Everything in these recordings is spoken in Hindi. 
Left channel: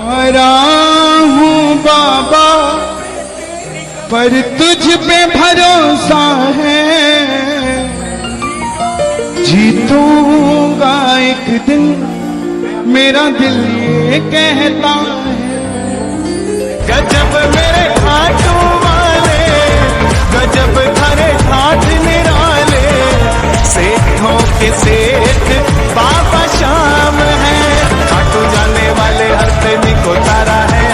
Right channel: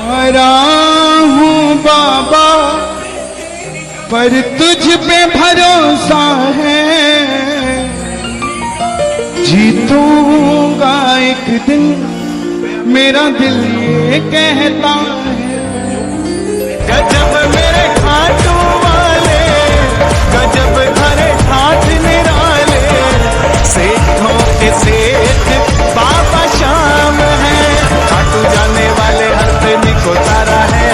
हारा हूँ बाबा पर तुझ पे भरोसा है, जीतूंगा एक दिन मेरा दिल ये कहता है। गजब मेरे खाटू वाले, गजब थारे ठाठ निराले, सेठों के सेठ बाबा श्याम है। खाटू जाने वाले हर प्रेमी को तारा है,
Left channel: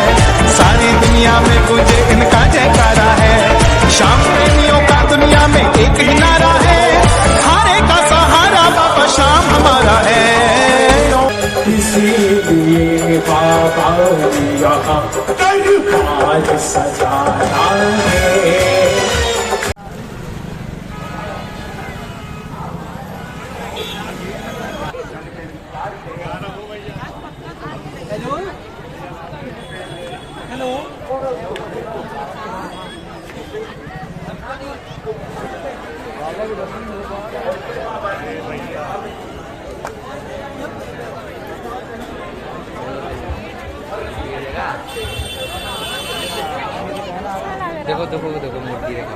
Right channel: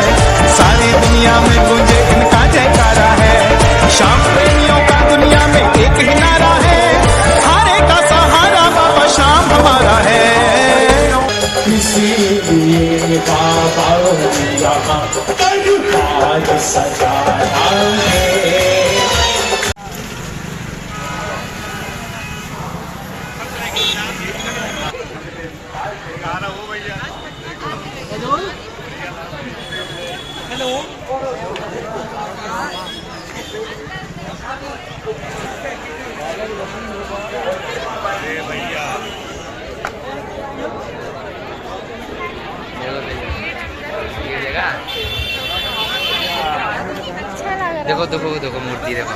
सारी दुनिया में गूंजे इनका जयकारा है। श्याम प्रेमियों का दुनिया में एक ही नारा है, हारे का सहारा बाबा श्याम हमारा है। इसीलिए बाबा यहाँ दरबार सजाया है। देखो देखो देखो मूर्ति देखो।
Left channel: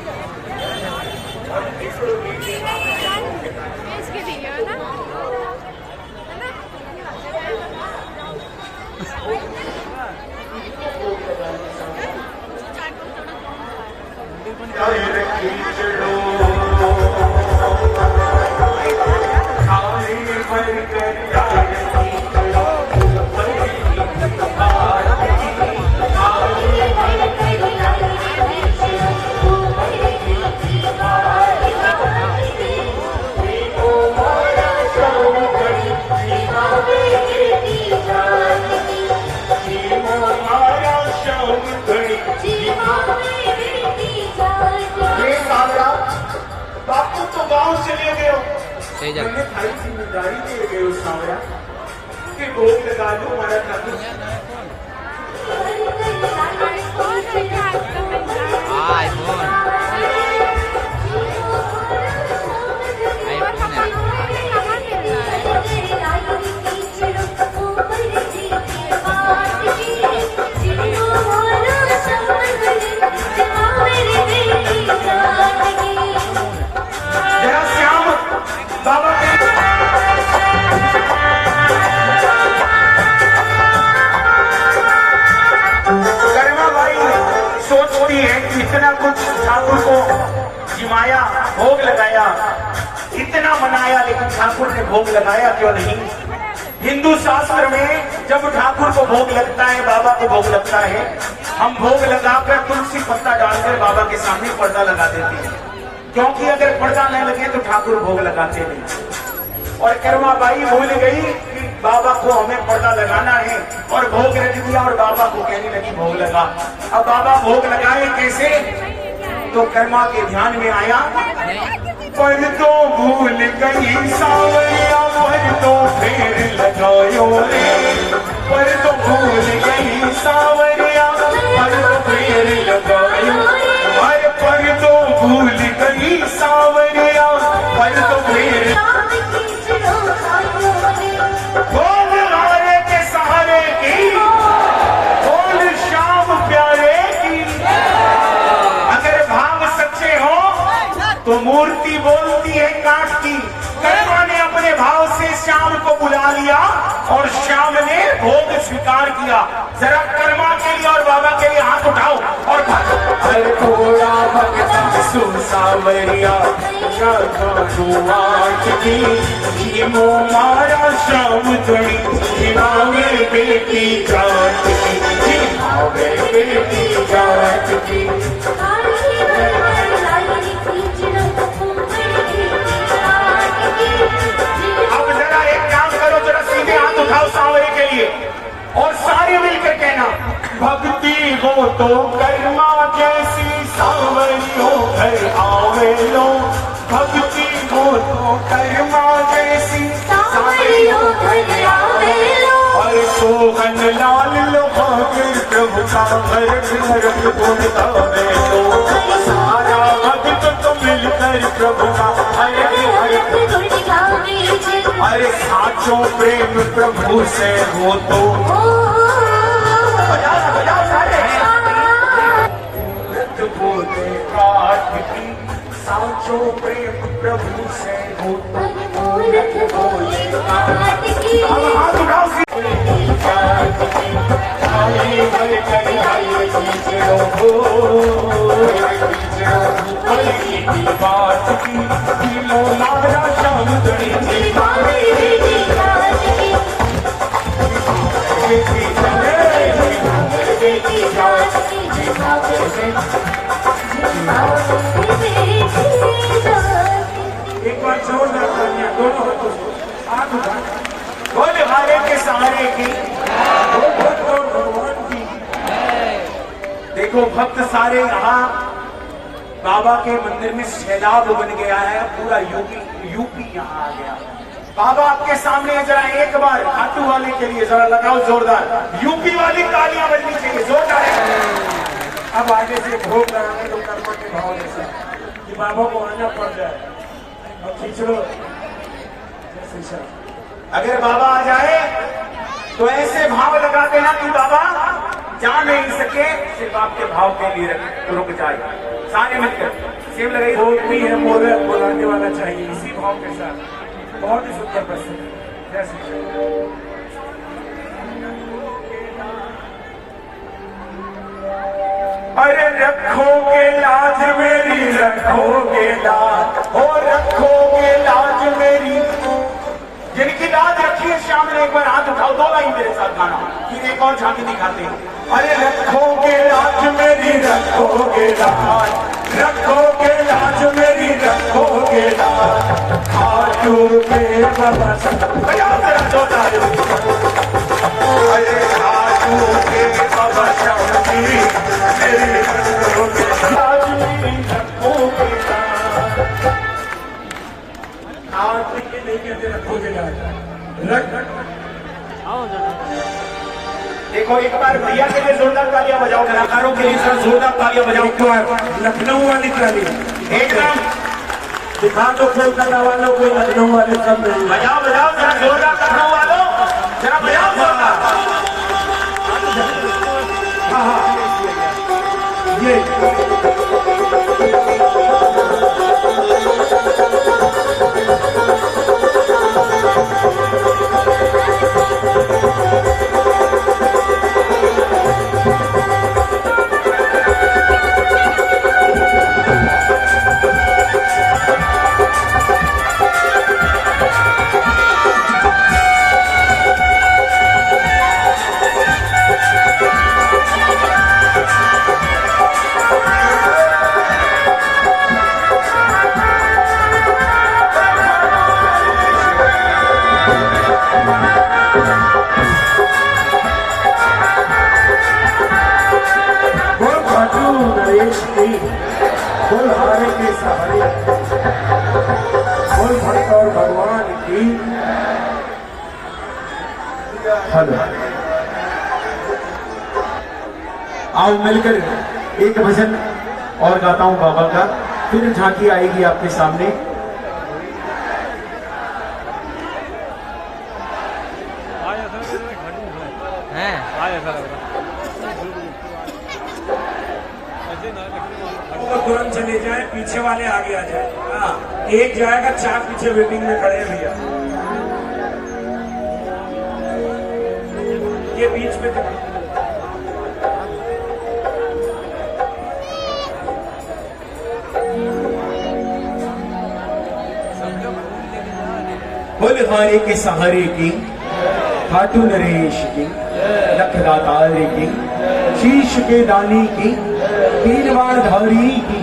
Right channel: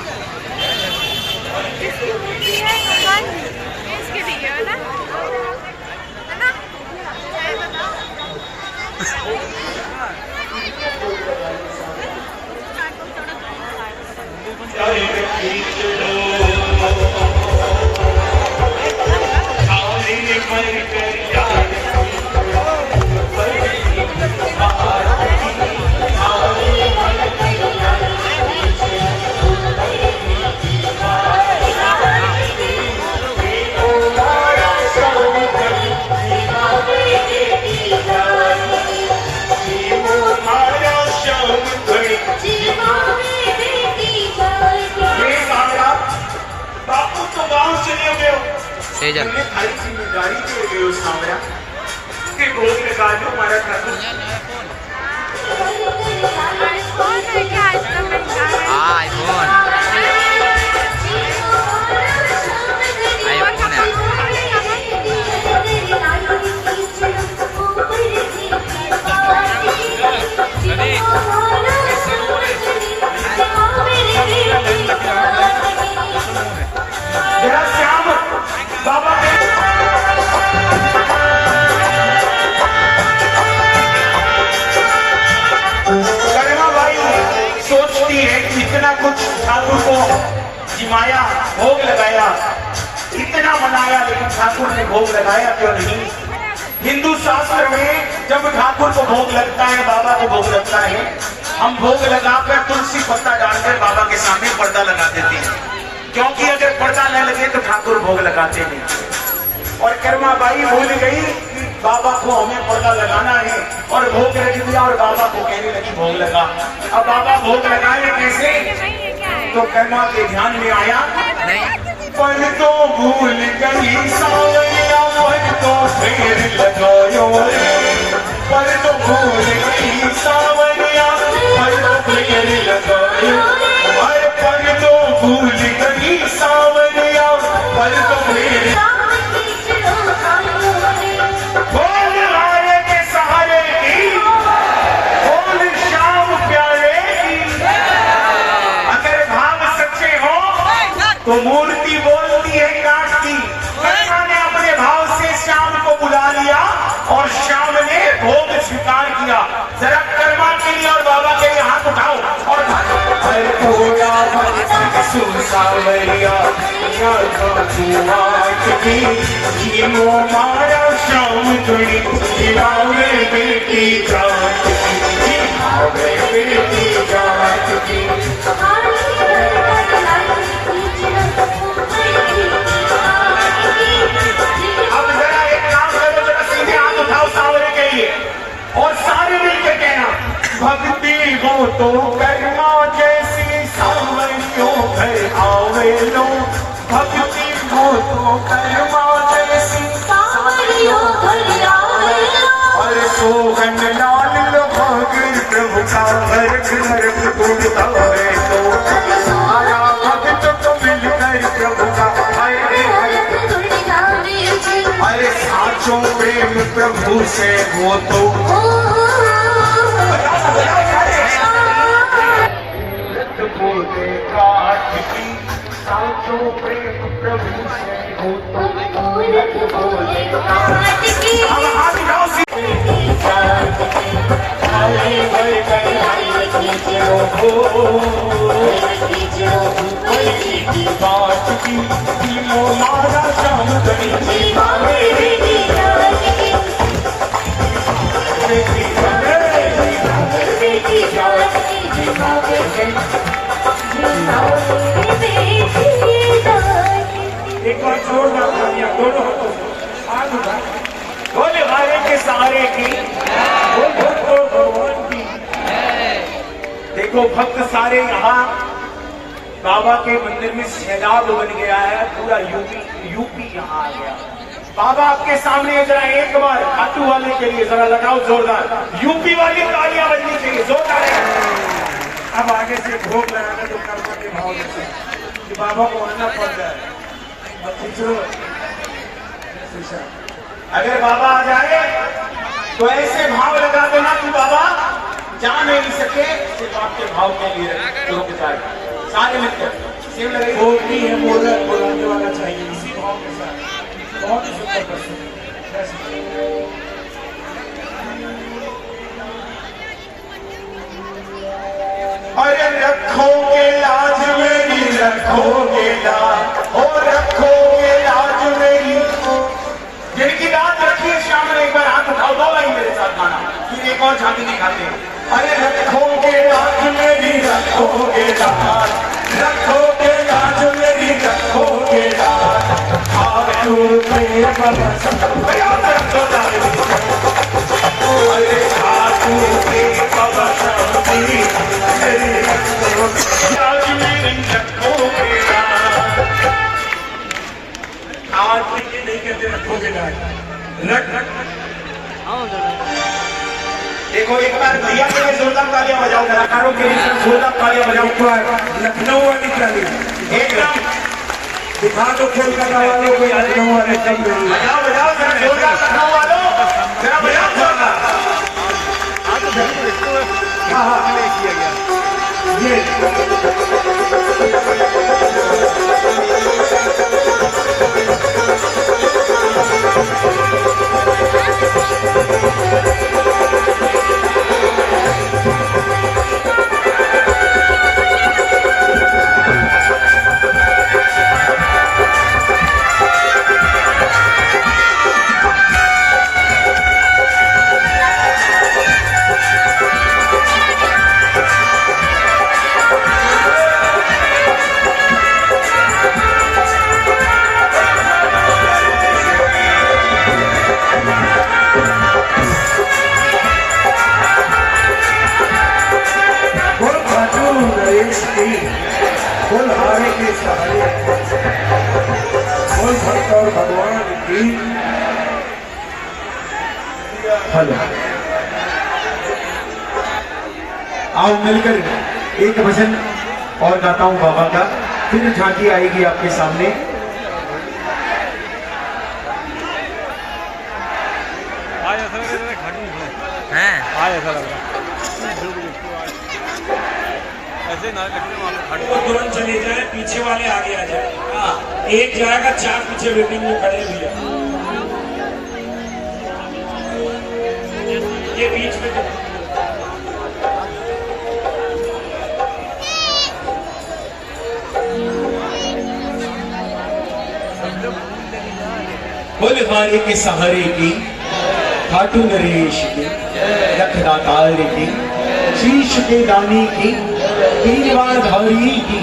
जिम्मेदारी दे गए उस कामरा के भोग लगा दो हमारा ठाकुर। आईफोन आईफोन है। जरा श्याम बाबा सोचती है इतना कुछ ठाकुर को जिमाया, भोग लगाया, इतना मनाया, लेकिन ठाकुर ने भोग लगाया क्यों नहीं? हिंदू शास्त्र में जब ठाकुर को भोग लगता है, बाबा को भोग लगता है, हम भोग लगाकर तुलसी पत्ता डालकर बाबा के सामने पर्दा लगा देते हैं, क्योंकि अगर पर्दा न लगे तो ठाकुर भोग लगाते नहीं। और कर्मा बाई भूल गई कि बाबा को हमें पर्दा लगाना है और भोग रख दिया और बाबा को कहने लगी भोग लगा। अब बाबा भोग लगाए कैसे? तो कर्मा के ध्यान में आया पर तो भूल गई सावरिया, पर तो फेर लगायो रे, पर तो भूल गई सावरिया, पर तो फेर लगायो, पर तो भूल गई सावरिया, पर तो फेर तो मूर्ति बोलती है काट की। कर्मा ने अपने भाव से श्याम को बुला लिया और श्याम ने भोग स्वीकार किया। जरा कर्मा के लिए और बाबा के लिए हाथ उठाओ और मारा श्याम बेटी जात बेटी जात की। और सारे मिलकर कहना भक्ति हो तो कर्मा जैसी सावरियों घर आवे लो, भक्ति हो तो कर्मा जैसी सावरियों घर आवे लो। और सोहन लाल लो भागर प्रभु का भरत भरत गुण गावे लो, सारा भक्त तो मिलकर प्रभु का अरे साचो प्रेम प्रभु से हो तो होते काट की सांचों प्रेम प्रभु से हो तो मूरत बोले काट की। अब हाथ उठाओ बात की मोलारा शाम गई एक बार जोरदार तालियां दोनों हाथों से हाथ उठा बोले हारे के सहारे की भगवान की। देखो भक्त सारे यहाँ बाबा के मंदिर में सैलाब बन गया है, पूरा यूपी यहाँ आ गया। बाबा आपके सामने जरा एक बार खाटू वाले के लिए जरा लगाओ जोरदार, यूपी वाली तालियां बजनी चाहिए जोरदार। अब आगे से भोग लगाना तो कर्मा के भाव में कि बाबा को आना पड़ रहा है। अब खींचो अगर बाबा आ जाए तो ऐसे भाव लगा देना कि बाबा जा नहीं सके, सिर्फ आपके भाव के लिए रुक जाए। सारे मिलकर सेम लगाई बोलती है मोदक बोलाने वाला चाहिए इसी भाव के साथ। बहुत ही सुंदर प्रस्तुति। अरे रखोगे लाज मेरी रखोगे लाज, हो रखोगे लाज मेरी। जिनकी लाज रखी है शाम में एक बार हाथ उठाओ, दो लाइन मेरे साथ गाना, फिर एक और झांकी दिखाते हैं। अरे रखोगे लाज मेरी रखोगे लाज, रखोगे लाज मेरी रखोगे लाज। आजू पे बाबा अरे आजू पे बाबा शांति मेरी लाज मेरी रखोगे लाज। आज नहीं कहते रखोगे लाज, रख देखो एक बार भैया के लिए जोरदार तालियां बजाओ, कलाकारों के लिए जोरदार तालियां बजाओ। लखनऊ वाली ताली एकदम दिखा दो, कोलकाता वालों को लखनऊ वाले सब बजाओ बजाओ जरा जोरदार, लखनऊ वालों जरा बजाओ जोरदार। हाँ हाँ ये बोल हारे के सहारे, बोल भक्त और भगवान की। हेलो आओ मिलकर एक भजन और गाता हूं बाबा का, फिर झांकी आएगी आपके सामने। वो तुरंत चले जाए, पीछे वाले आगे आ जाए। एक जाएगा, चार पीछे वेटिंग में खड़े भैया, ये बीच में बोल हारे के सहारे की, खाटू नरेश की, रखदातार की, शीश के दानी की, तीन बार धारी की।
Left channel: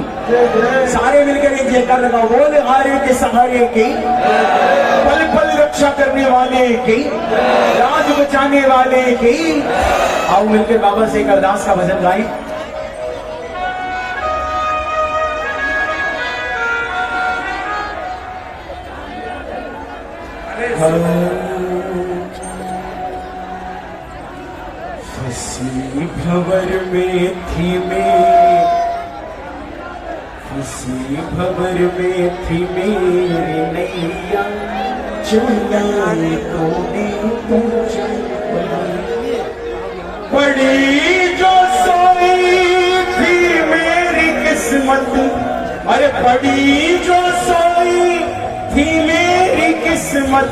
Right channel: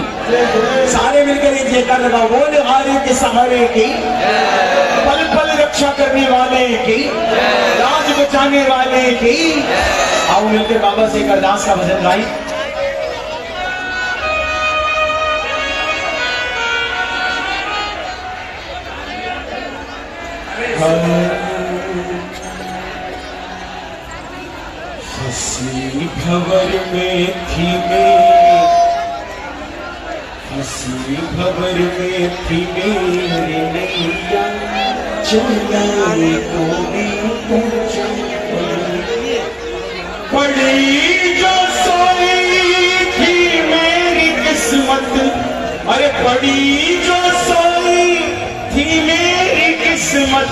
सारे मिलकर एक जयकार लगाओ, बोल हारे के सहारे की, पल पल रक्षा करने वाले की, राज बचाने वाले की। आओ मिलकर बाबा से एक अरदास का भजन गाएं। हंसी भंवर में थी हंसी भंवर में थी मेरी नैया, चुनाई तो पड़ी जो सोई थी मेरी अरे बड़ी जो सोई थी मेरी किस्मत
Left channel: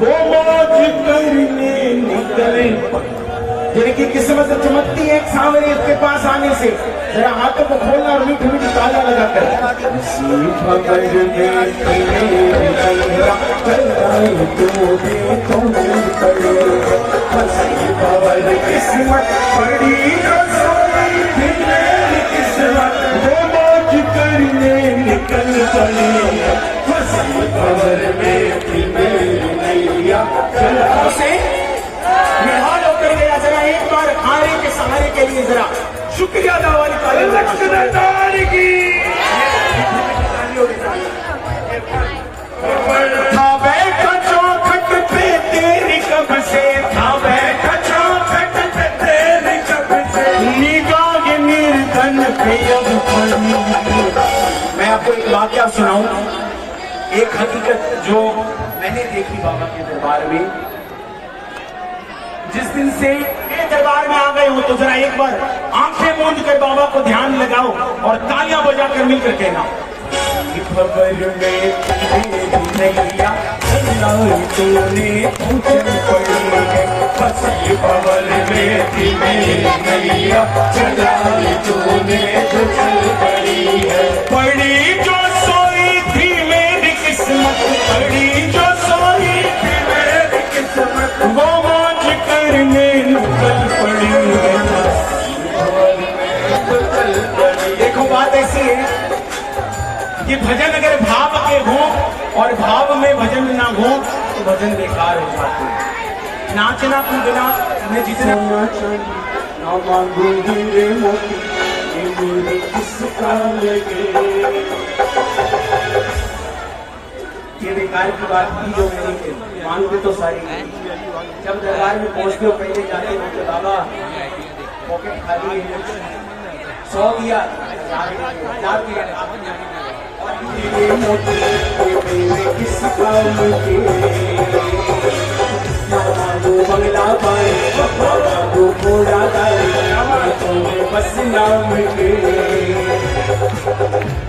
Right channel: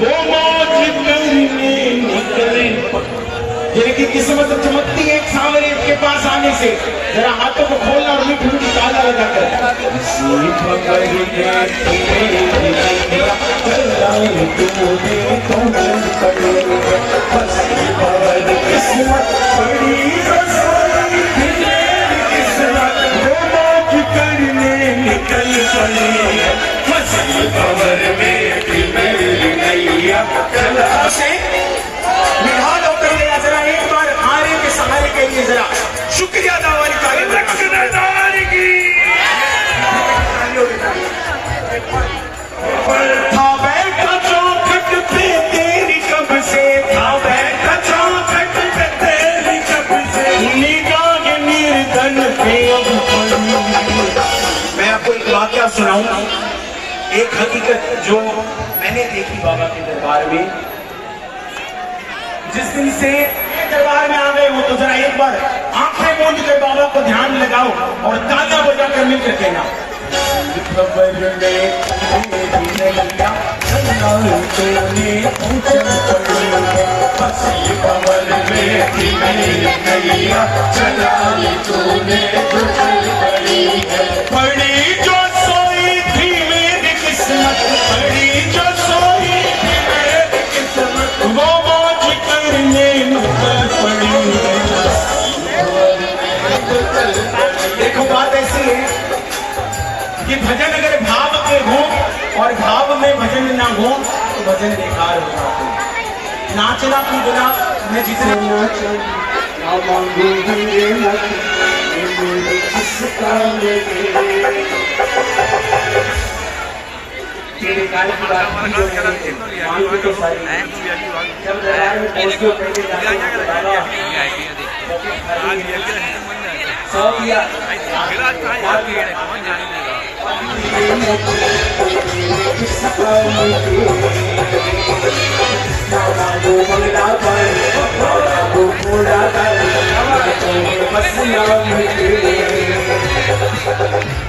वो मौज करने निकल। जिनकी किस्मत चमकती है एक सांवरे के पास आने से, जरा हाथों को खोलना और मीठी मीठी ताला लगाकर किस्मत बड़ी रसोई थी मेरी किस्मत वो मौज करने निकल पड़े। फंसी खबर में थी मेरी नैया चला से निहाल होकर गया। जरा एक बार खाने के सहारे के लिए जरा शुक्रिया अदा वाली तारीफ की। था बैठा चौखट पे तेरी कब से, था बैठा चौखट पे तेरी कब से, निगाह निर्धन पे अब पड़ी। मैं आपको एक वाक्या सुनाऊं, एक हकीकत जो मैंने देखी बाबा के दरबार में। जिस दिन से दरबार में आ गए हो तो जरा एक बार आंखें मूंद कर बाबा को ध्यान लगाओ और तालियां बजाकर मिलकर कहना, खबर में पड़ी जो सोई थी मेरी किस्मत, पड़ी जो सोई थी मेरी किस्मत वो मौज करने निकल पड़ी है। देखो बात ऐसी है कि भजन अगर भाव के हो और भाव में भजन ना हो तो भजन बेकार हो जाते हैं। नाचना कूदना मैं जिसे नाचना तेरे कार्य की बात मांग तो सारी जब दरबार में पहुंचते हो पहले जाते हो बाबा पॉकेट खाली है, 100 दिया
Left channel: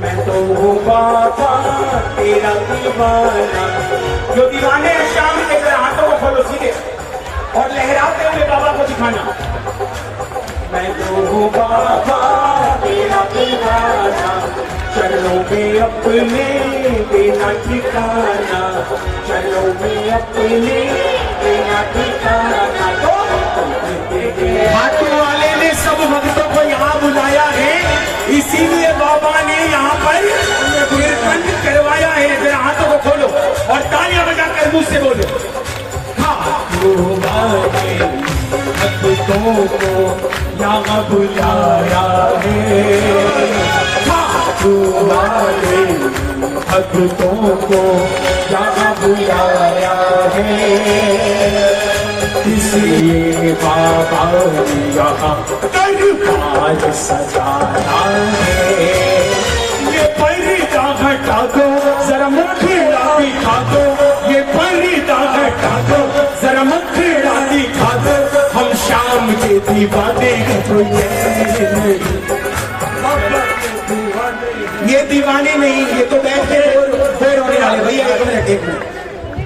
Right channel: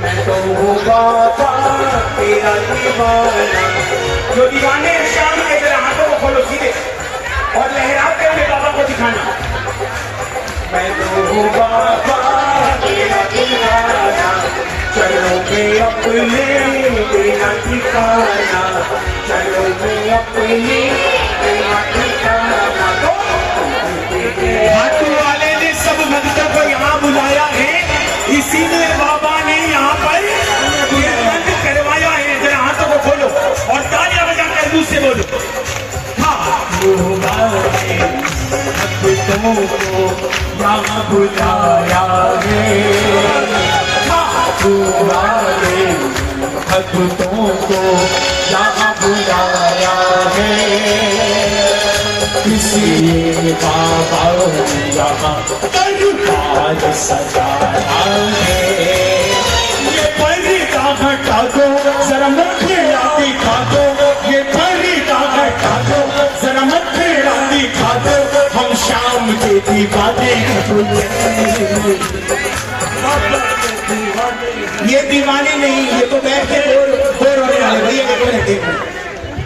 मैं तो हूँ बाबा तेरा दीवाना। जो दीवाने हैं शाम के जरा हाथों को खोलो सीधे और लहराते हुए बाबा को दिखाना। मैं तो हूँ बाबा तेरा दीवाना, चलो में अपने तेरा ठिकाना, चलो में अपने तेरा ठिकाना। तो हाथों वाले ने सब भक्तों को यहाँ बुलाया है, इसीलिए बाबा ने यहाँ पर कीर्तन करवाया है। जरा हाथों को खोलो और तालियां बजाकर मुझसे बोलो, भक्तों को यहाँ बुलाया है, भक्तों को यहाँ बुलाया है, इसलिए बाबा यहाँ दरबार सजाया है। ये पर्दा हटा दो जरा मुखड़ा दिखा दो, ये पर्दा हटा दो जरा मुखड़ा दिखा दो, हम शाम के दीवाने ये दीवाने नहीं, ये तो बैठे बोर होने वाले। भैया एक मिनट,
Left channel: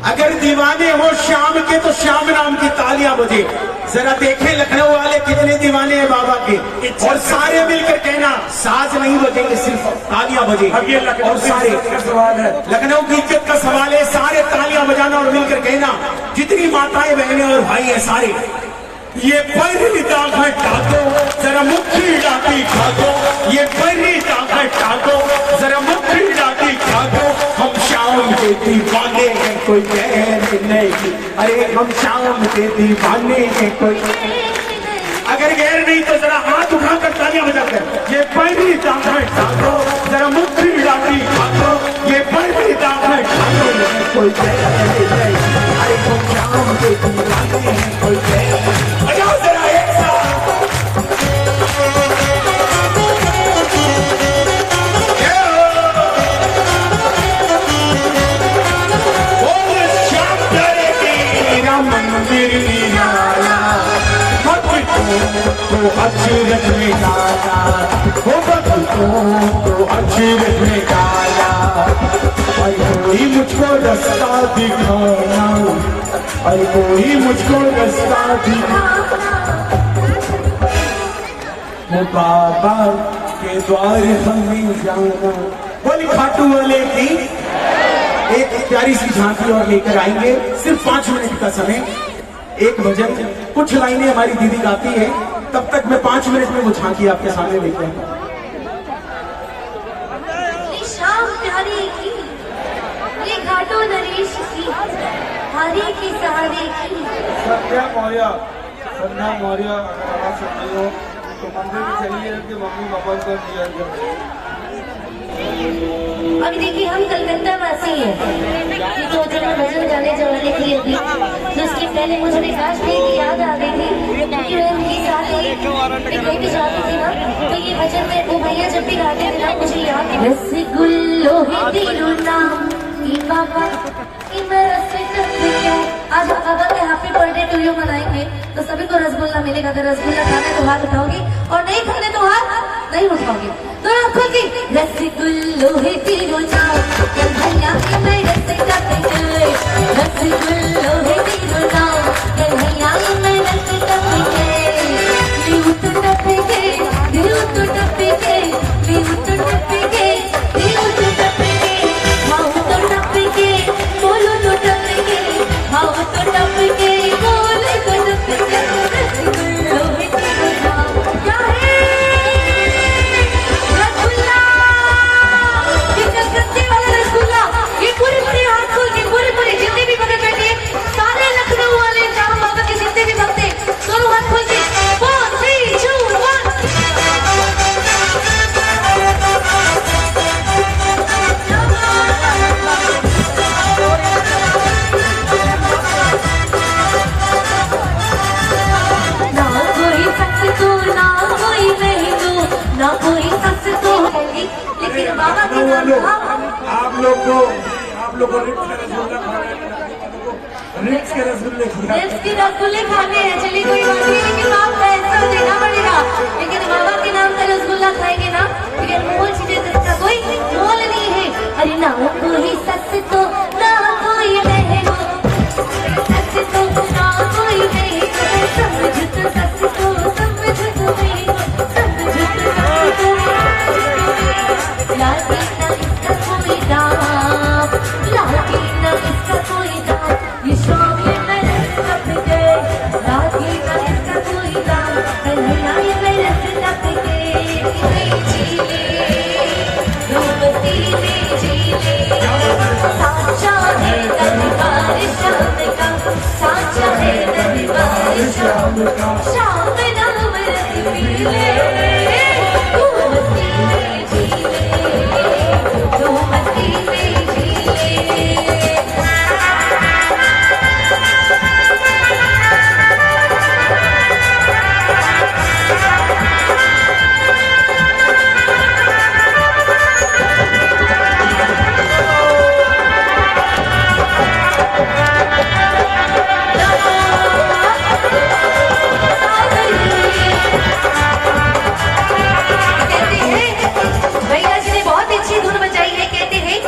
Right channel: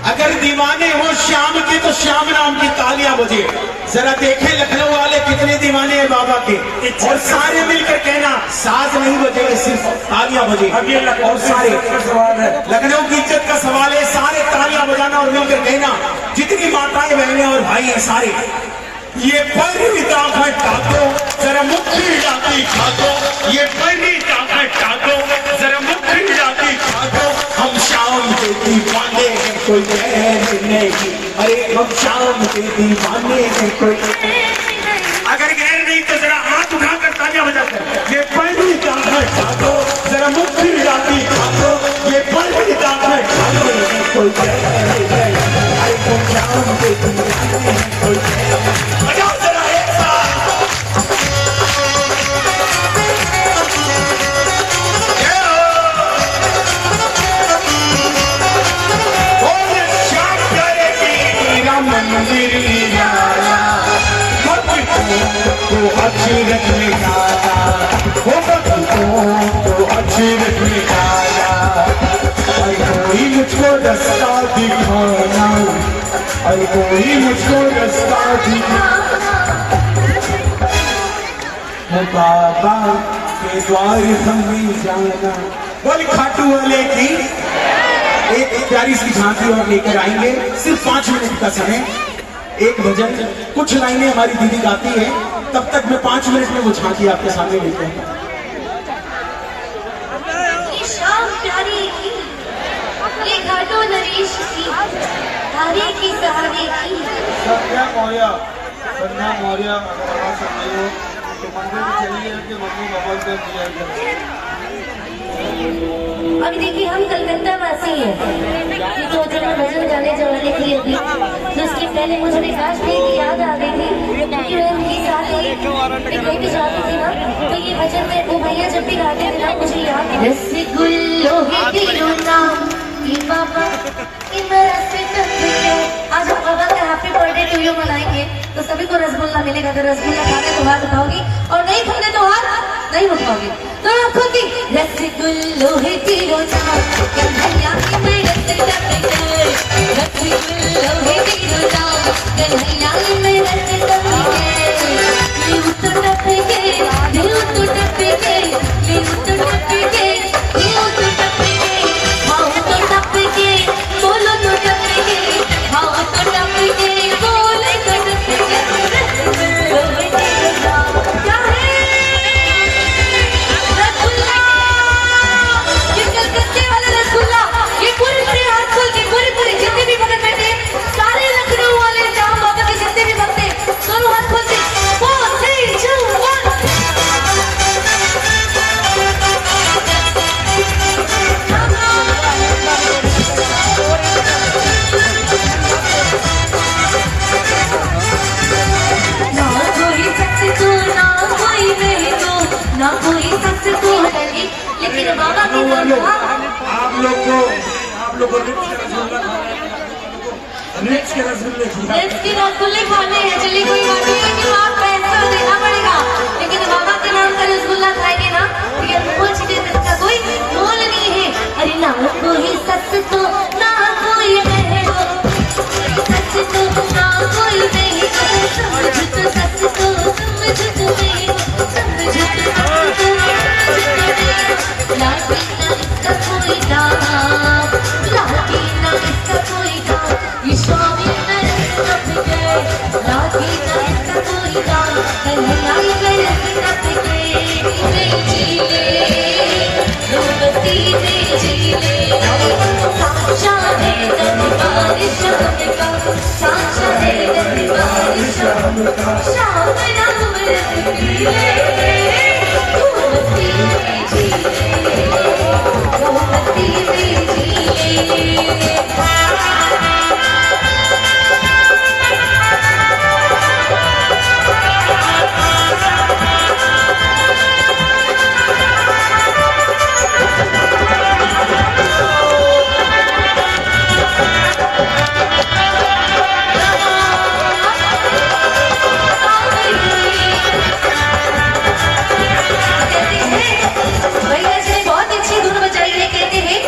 अगर दीवाने हो शाम के तो श्याम नाम की तालियां बजे। जरा देखें लखनऊ वाले कितने दीवाने हैं बाबा के, और सारे मिलकर कहना साज नहीं बजेंगे सिर्फ तालियां बजे। और सारे लखनऊ की इज्जत का सवाल है, सारे तालियां बजाना और मिलकर कहना, जितनी माताएं बहनें और भाई हैं सारे, ये पर्दा हटा दो जरा मुखड़ा दिखा दो, ये पर्दा हटा दो जरा मुखड़ा दिखा दो, हम शाम के दीवाने हैं कोई गैर नहीं, अरे हम शाम के दीवाने हैं कोई। अगर गैर नहीं तो जरा हाथ उठाकर तालियां बजाकर, ये पर्दा हटा दो जरा मुखड़ा दिखा दो, ये पर्दा हटा दो कोई गैर नहीं, अरे हम शाम के दीवाने हैं कोई गैर। बजाओ जरा एक साथ। मंदिर लिया भक्त तो अक्षरत में डाला, वो बदलूं तो अक्षरत में डाला। अरे कोई मुझको रास्ता दिखाना, अरे कोई मुझको रास्ता दिखाना। बाबा के द्वार हमें जाना। बोली खाटू वाले की एक प्यारी सी झांकी और लेकर आएंगे। सिर्फ 5 मिनट का समय, एक भजन, कुछ लाइनें हमारी दीदी गाती है, तब तक मैं 5 मिनट में वो झांकी आपके सामने लेते हैं। ये शाम प्यारी की, ये घाटो नरेश की, हरे की सहारे की। संध्या मौर्य अगर आवाज सुन रही हो तो मंदिर में चलिए कि मम्मी पापा को दिया जाए। अभी देखिए हम कलकत्ता वासी हैं, ये तो जब मैं भजन गाने वाली थी अभी, तो उसके पहले मुझे विकास भाई की याद आ गई थी, क्योंकि मैं उनके साथ एक लेके जाती थी ना, तो ये भजन में वो भैया जब भी गाते थे ना मुझे याद है। रसगुल्लो है तेरो नाम, ये बाबा ये मेरा आज हम बाबा का हैप्पी बर्थडे टू यू मनाएंगे, तो सभी को रसगुल्ला मिलेगा। अगर रसगुल्ला खाने तो हाथ उठाओगी और नहीं खाने तो हाथ नहीं उठाओगे। तो आंखों की रसगुल्लो है तेरो नाम, कन्हैया की मैं रसगुल्ला रसगुल्लो है तेरो नाम, कन्हैया की मैं रसगुल्ला यूं तो टप गए, यूं तो टप गए, यूं तो टप गए, यूं तो टप गए, हाँ तो टप गए, बोलो तो टप गए, हाँ तो टप गए, बोले तो टप गए। रसगुल्लो है तेरो नाम, क्या है रसगुल्ला, ये कलकत्ते वाला रसगुल्ला, ये पूरे हाथ खोल के पूरे जितने भी भक्त बैठे सारे लखनऊ वाले जाम बाबा के जितने भी भक्त हैं दोनों हाथ खोल के 4 3 2 1। ना कोई सच तो ना कोई नहीं तो, ना कोई सच तो है, लेकिन बाबा की आप लोग को रिच के रसगुल्ले खाने हैं, चलिए कोई बात नहीं, लेकिन आप पैसा देना पड़ेगा। लेकिन बाबा के नाम का रसगुल्ला खाएंगे ना, लेकिन मोल चीजें इसका कोई मोल नहीं है। अरे ना कोई सच तो ना कोई नहीं हो, सच तो ना कोई नहीं हो, समझ तो सच तो समझ तो नहीं हो, समझ तो सच तो लागी ना इसका कोई दाम, लागी ना इसका कोई दाम, ये स्वामी मेरे टप गए, लागी ना इसका कोई दाम, कन्हैया मेरे टप गए। रोमती में जीले साचा है दरबार शाम का, साचा है दरबार शाम का, शाम नाम मेरे रोमती में जीले, रोमती में जीले। भैया जी ने बहुत अच्छी धुन बजाई है, कहते हैं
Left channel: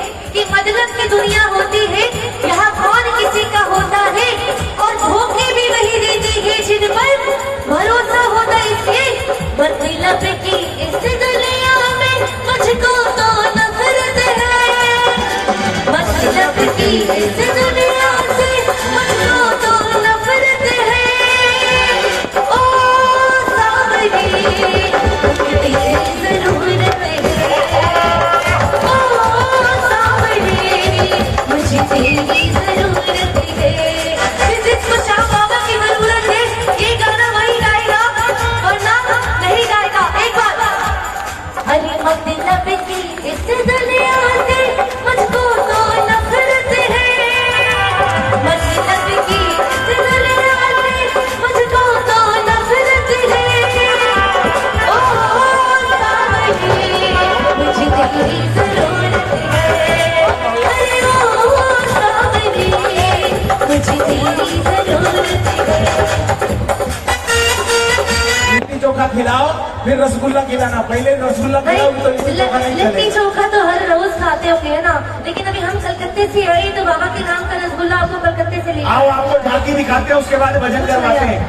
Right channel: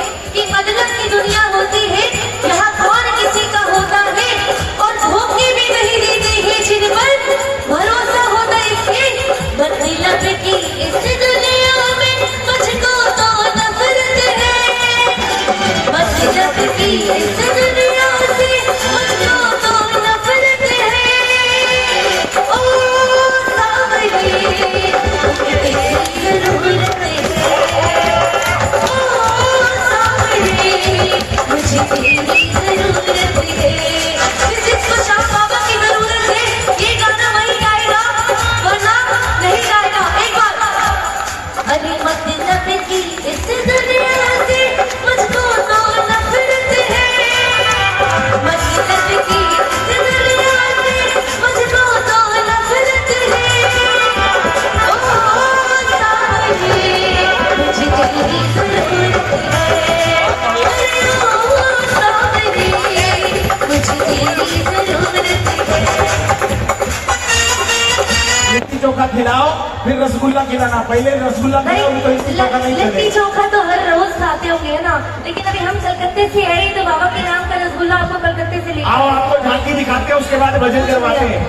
खिलाओ फिर रसगुल्ला खिलाना, पहले रसगुल्ला भाई खिलाओ तो लिट्टी चोखा नहीं लिट्टी चलेगा। चोखा तो हर रोज खाते होंगे ना, लेकिन अभी हम कलकत्ते से आए तो बाबा के नाम का रसगुल्ला आपको कलकत्ते से ले आओ आपको झांकी दिखाते हैं, उसके बाद भजन करवाते हैं।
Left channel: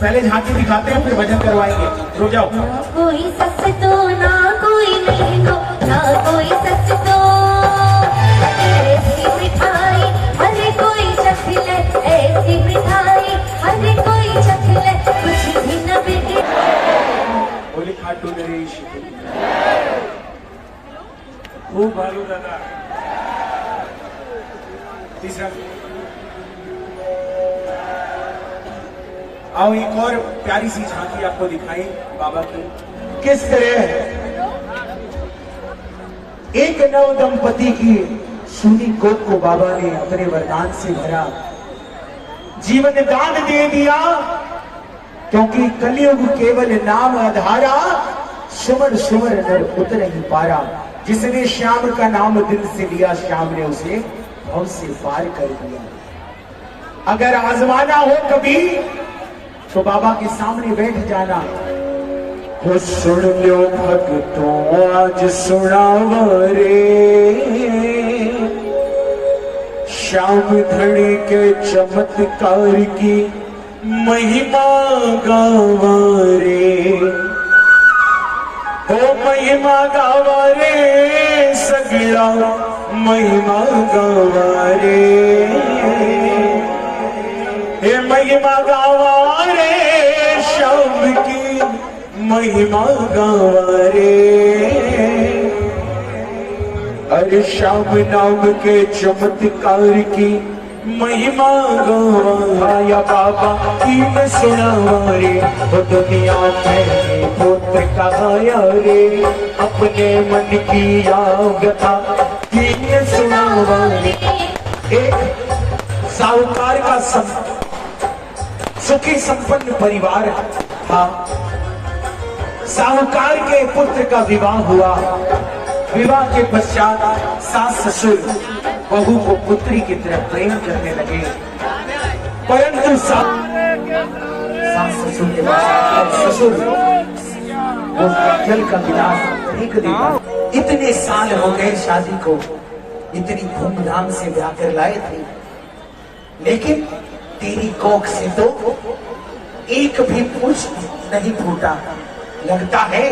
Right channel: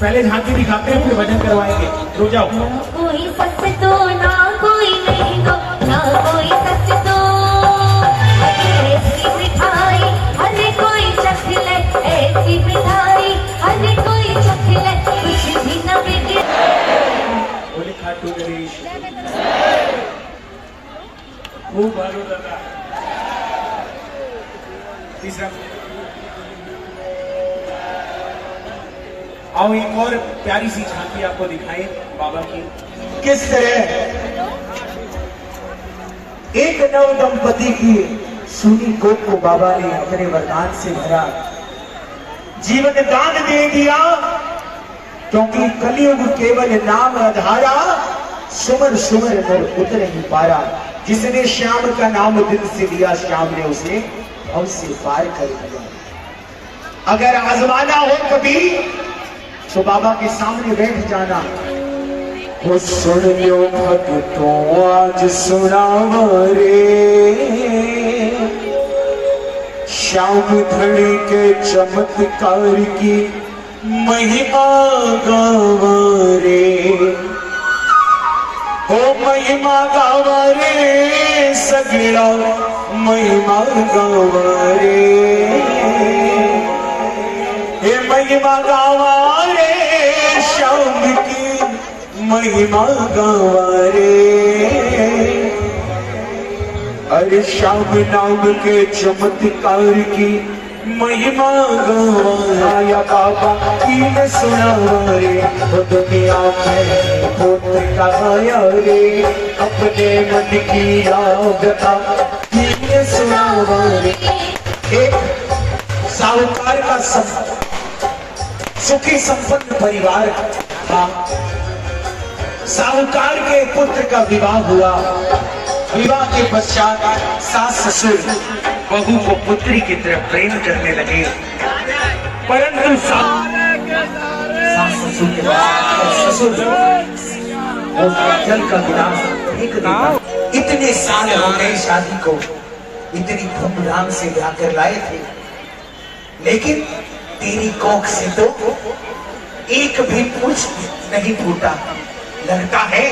पहले झांकी दिखाते हैं फिर भजन करवाएंगे, रुक जाओ। कोई सच तो ना कोई नहीं तो ना कोई सच तो ऐसी मिठाई हरे कोई चख ले, ऐसी मिठाई हरे कोई चख ले, कुछ भी न बिगड़े। बोले खाटू नरेश खूब भालू लगा। तीसरा आओ एक और प्यारी सी झांकी आपको दिखाएं बाबा की। किस तरह एक नव दंपति की सूनी कोख को बाबा ने अपने वरदान से भरा, जीवन दान दे दिया, क्योंकि कलयुग केवल नाम आधारा, सुमर सुमर नर उतर ही पारा। जिसने श्याम का नाम दिल से लिया, श्याम ने उसे भव से पार कर दिया। अगर आजमाना हो कभी तो बाबा के सामने बैठ जाना। वो सुन लो भक्तों आज सुनावा रे, श्याम धड़ी के चमत्कार की महिमा गावा रे, ओ महिमा गावा रे, सगड़ा महिमा गावा रे, हे महिमा गावा रे, श्याम की महिमा गावा रे। अरे श्याम नाम के चमत्कार की महिमा गवाया बाबा की न सुनावा रे, वो दुनिया में पुत्र कहाया रे, अपने मन की याद था की न सुनावा रे। एक साहूकार का सुखी संपन्न परिवार था। साहूकार के पुत्र का विवाह हुआ। विवाह के पश्चात सास ससुर बहू को पुत्री की तरफ प्रेम करने लगे, परंतु सास ससुर के पास ससुर वो जल का गिलास फेंक देता। इतने साल हो गए शादी को, इतनी धूमधाम से ब्याह कर लाए थे, लेकिन तेरी कोख से तो एक भी पूछ नहीं फूटा। लगता है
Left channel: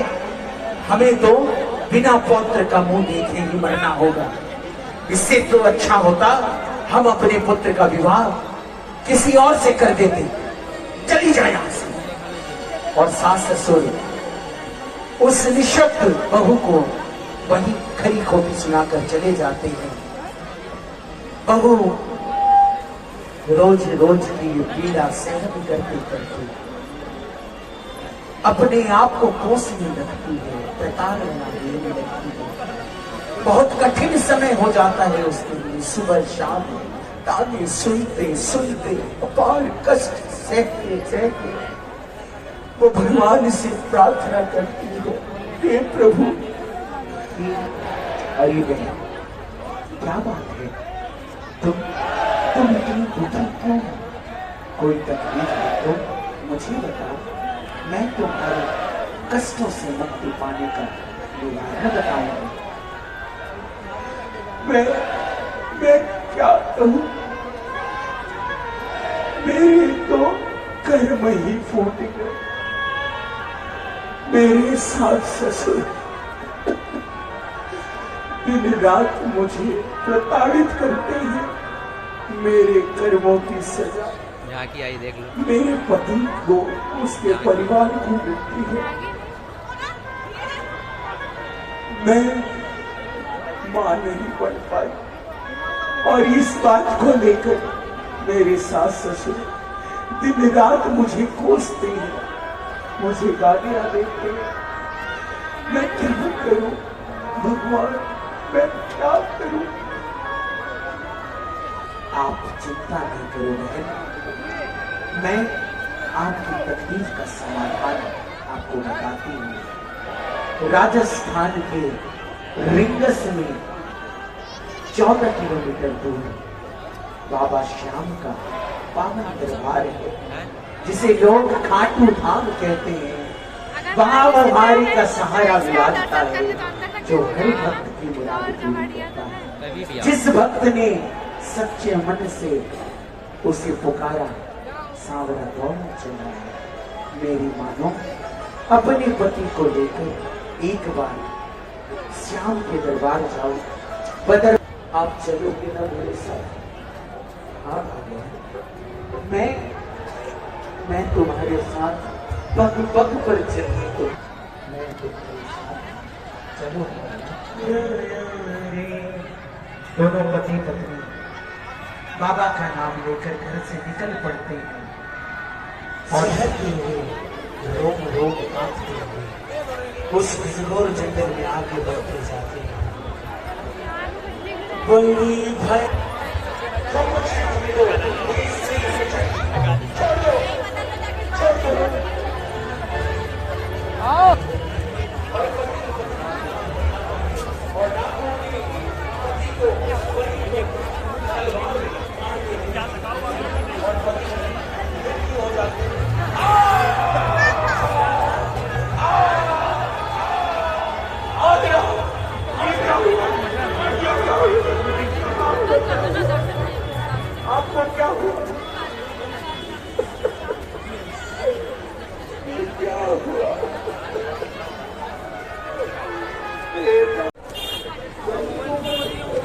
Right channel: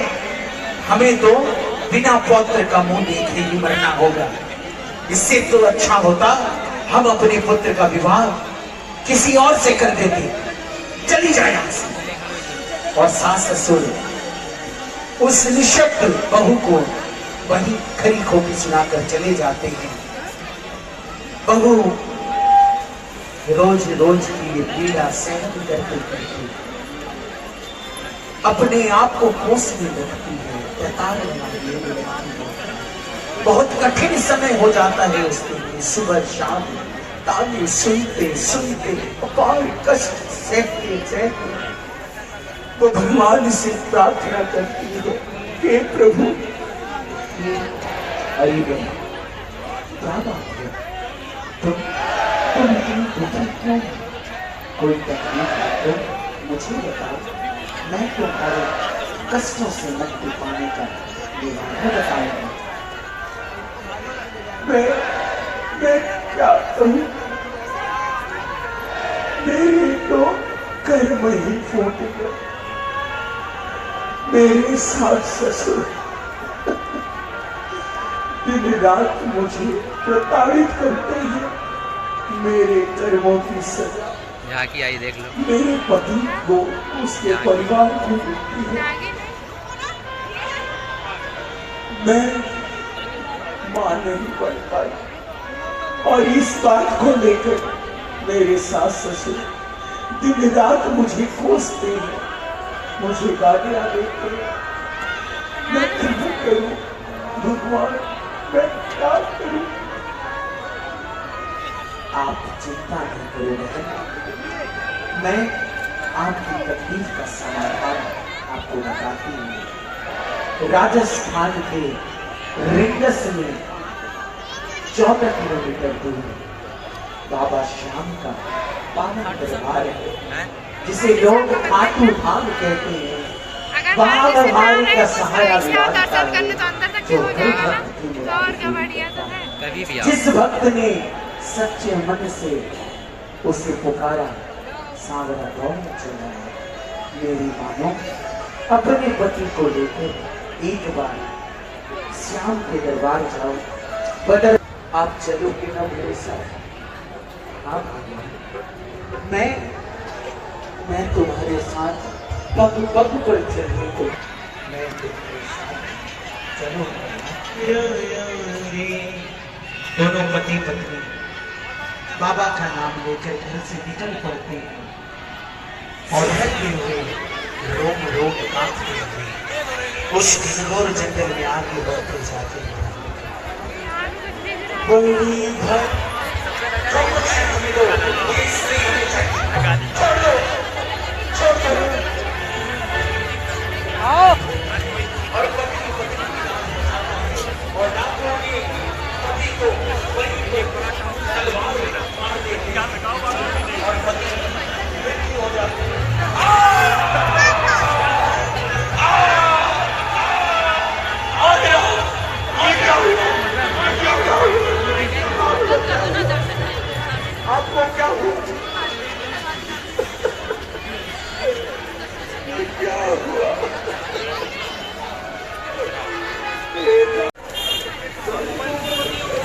हमें तो बिना पुत्र का मुंह देखे ही मरना होगा। इससे तो अच्छा होता हम अपने पुत्र का विवाह किसी और से कर देते, चली जाए यहां से। और सास ससुर उस निशब्द बहू को वही खरी खोटी सुनाकर चले जाते हैं। बहू रोज रोज की पीड़ा सहन करते करते अपने आप को कोसने लगती है, प्रताड़ना लेने लगती है। बहुत कठिन समय हो जाता है उसके लिए। सुबह शाम ताने सुनते सुनते अपार कष्ट सहते सहते वो भगवान से प्रार्थना करती है, हे प्रभु। अरे बहन क्या बात है, तुम इतनी दुखी क्यों? कोई तकलीफ है तो मुझे बताओ, मैं तुम्हारे कष्टों से मुक्ति पाने का निवारण बताऊंगा। मैं क्या कहूं, मेरे तो कर्म ही फूट गए। मेरे सास ससुर दिन रात मुझे प्रताड़ित करते हैं। मेरे कर्मों की सजा झांकी आई देख लो। मेरे पति को, उसके परिवार को मिलती है। मैं मां नहीं बन पाई और इस बात को लेकर मेरे सास ससुर दिन रात मुझे कोसते हैं, मुझे गालियां देते हैं। मैं क्या करूं भगवान, मैं क्या करूं? आप चिंता नहीं करो बहन, मैं आपकी तकलीफ का समाधान आपको बताती हूँ। राजस्थान के रिंगस में 14 किलोमीटर दूर बाबा श्याम का पावन दरबार है, जिसे लोग खाटू धाम कहते हैं। भाव हमारी का सहारा विराजता है जो हर भक्त की मुराद कभी भी आओ। जिस भक्त ने सच्चे मन से उसे पुकारा सांवरा दौड़ चला है। मेरी मानो अपने पति को लेकर एक बार श्याम के दरबार जाओ। बदर आप चलोगे ना मेरे साथ? हाँ भगवान, मैं तुम्हारे साथ पग पग पर चलने को मैं तुम्हारे साथ चलो। दोनों पति पत्नी बाबा का नाम लेकर घर से निकल पड़ते हैं और हटते हुए रोम रोम कांपते हुए उस घनघोर जंगल में आगे बढ़ते जाते हैं। बड़ी भक्त कम से कम लोग